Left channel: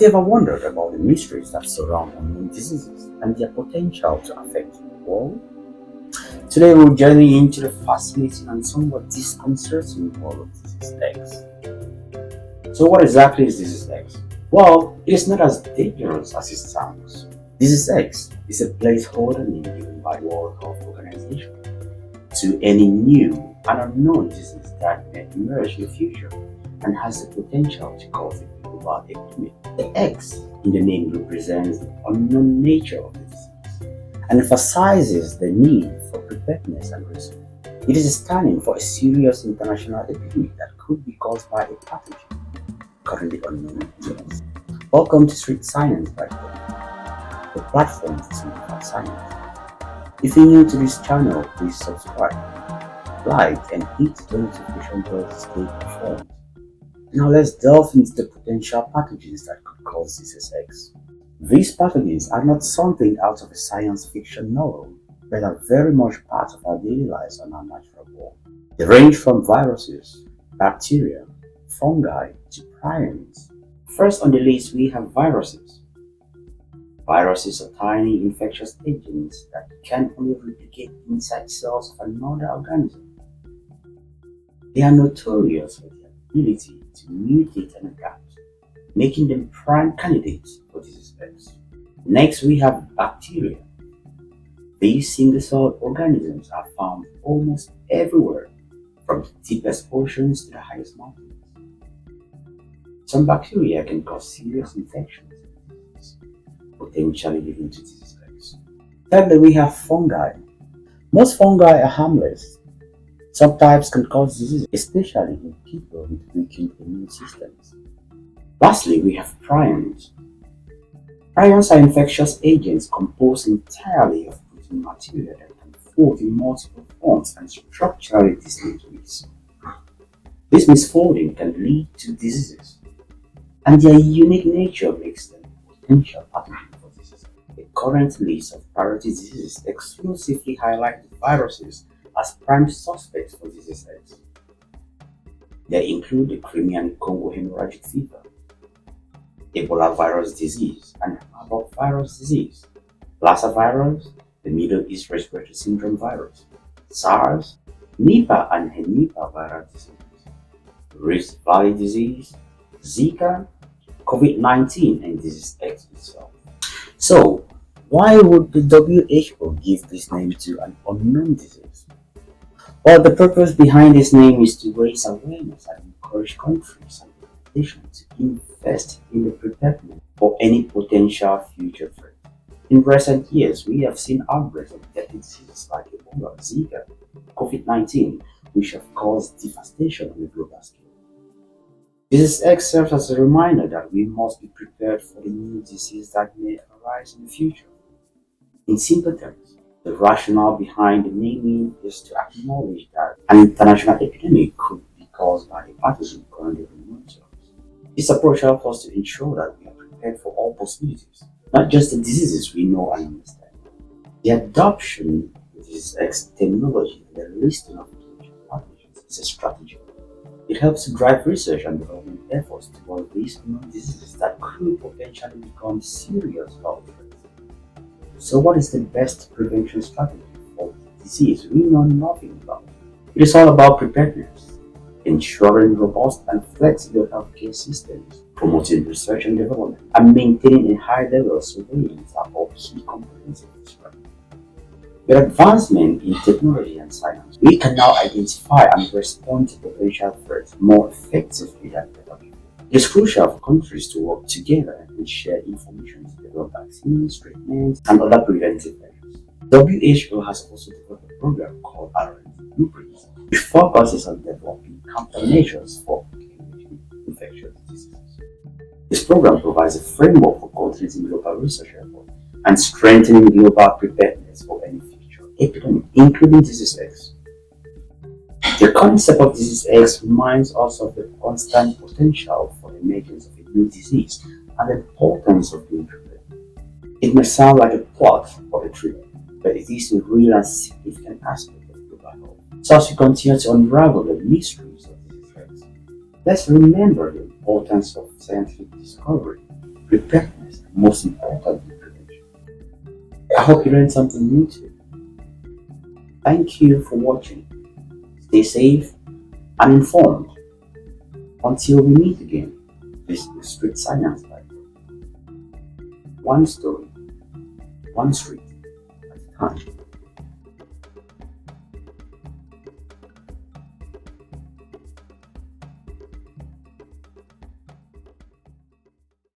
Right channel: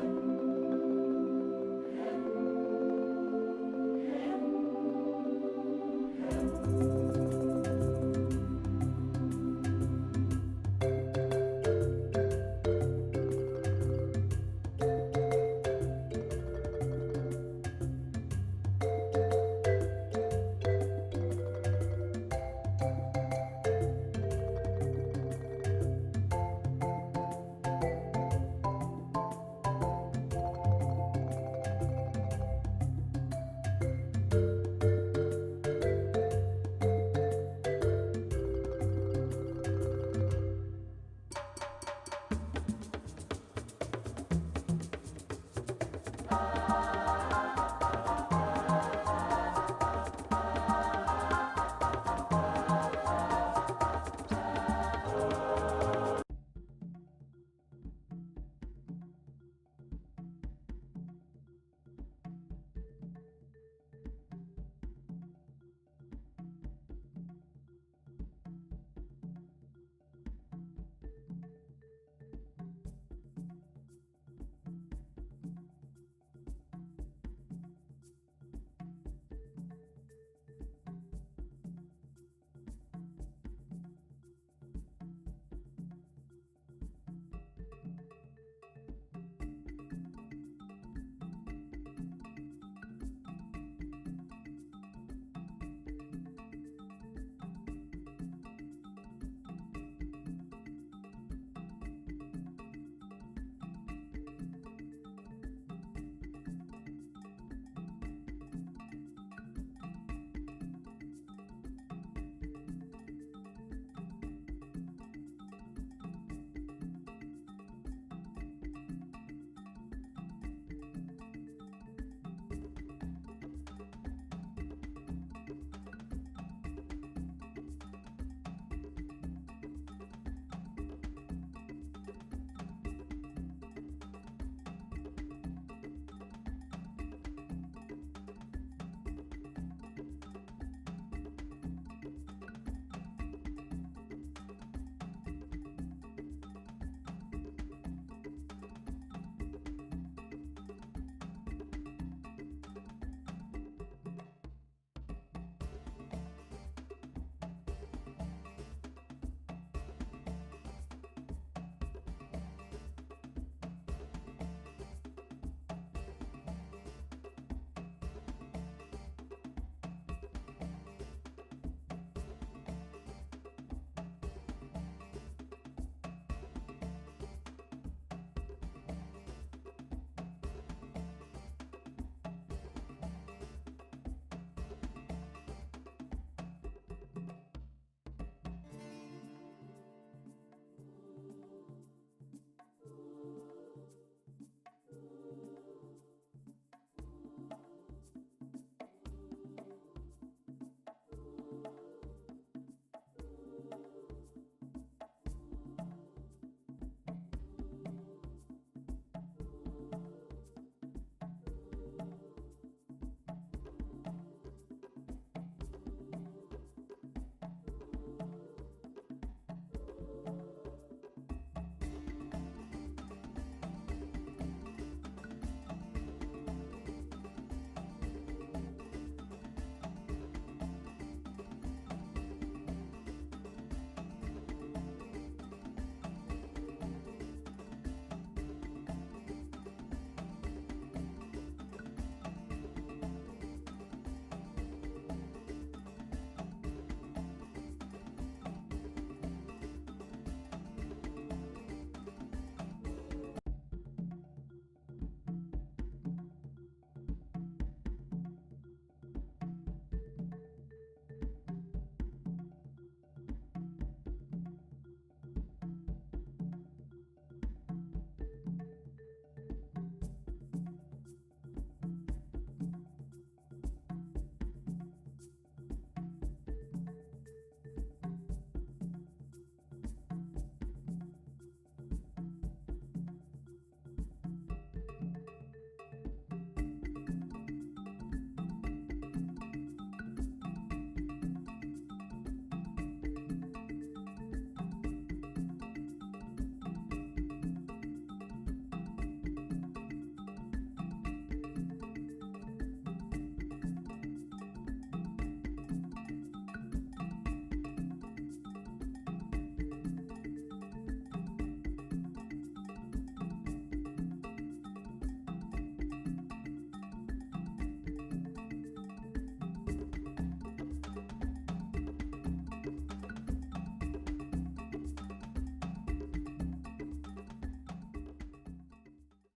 Have you ever wondered about the mysteries that surround immune diseases and their potential to affect the world? Today we're journeying into the fascinating and somewhat disconcerting world of disease X. So what exactly is disease X? Well, it is not as dangerous as it sounds. Disease X is a placeholder name given by the World Health Organization to any new and unknown disease that may emerge in the future and has the potential to cause a global epidemic. The X in the name represents the unknown nature of the disease and emphasizes the need for preparedness and risk. It is standing for a serious international epidemic that could be caused by a pathogen currently unknown to us. Welcome to Street Science by the platform for simplified science. If you're new to this channel, please subscribe, like, and hit the notification bell to stay informed. Now let's delve into the potential pathogens that could cause disease X. These pathogens are not something out of a science fiction novel, but are very much part of our daily lives and our natural world. They range from viruses, bacteria, fungi, to prions. First on the list we have viruses. Viruses are tiny infectious agents that can only replicate inside cells of another organism. They are notorious for their ability to mutate and adapt, making them prime candidates for disease X. Next, we have bacteria. These single-celled organisms are found almost everywhere, from the deepest oceans to the highest mountains. Some bacteria can cause serious infections, potentially leading to disease X. Thirdly, we have fungi. Most fungi are harmless. Some types can cause disease, especially in people with weakened immune systems. Lastly, we have prions. Prions are infectious agents composed entirely of protein material that can fold in multiple forms and structurally distinct ways. This misfolding can lead to diseases, and their unique nature makes them potential pathogens for disease. The current list of priority diseases exclusively highlight viruses as prime suspects for disease X. They include the Crimean Congo hemorrhagic fever, Ebola virus disease, and Marburg virus disease, Lassa virus, the Middle East respiratory syndrome virus, SARS, Nipah and Henipa virus disease, Rift Valley disease, Zika, COVID-19, and disease X itself. So, why would the WHO give this name to an unknown disease? Well, the purpose behind this name is to raise awareness and encourage countries and nations to invest in the preparedness for any potential future threat. In recent years, we have seen outbreaks of deadly diseases like Ebola, Zika, COVID-19, which have caused devastation on a global scale. Disease X serves as a reminder that we must be prepared for the new disease that may arise in the future. In simple terms, the rationale behind the naming is to acknowledge that an international epidemic could be caused by a pathogen currently unknown to us. This approach helps us to ensure that we are prepared for all possibilities, not just the diseases we know and understand. The adoption of disease X technology and the listing of potential pathogens is a strategy. It helps to drive research and development efforts towards these unknown diseases that could potentially become serious health threats. So what is the best prevention strategy for disease we know nothing about? It is all about preparedness, ensuring robust and flexible healthcare systems, promoting research and development, and maintaining a high level of surveillance are all key components of this strategy. With advancement in technology and science, we can now identify and respond to potential threats more effectively than ever before. It is crucial for countries to work together and share information to develop vaccines, treatments, and other preventive measures. WHO has also developed a program called Blueprints, which focuses on developing countermeasures for infectious diseases. This program provides a framework for countries in global research efforts and strengthening global preparedness for any future epidemic, including disease X. The concept of disease X reminds us of the constant potential for the emergence of a new disease and the importance of being prepared. It may sound like a plot or a thriller, but it is a real and significant aspect of global health. So as we continue to unravel the mysteries of disease X, let's remember the importance of scientific discovery, preparedness, most importantly, prevention. I hope you learned something new too. Thank you for watching. Stay safe and informed. Until we meet again, this is Street Science Life. One story, one street at a time.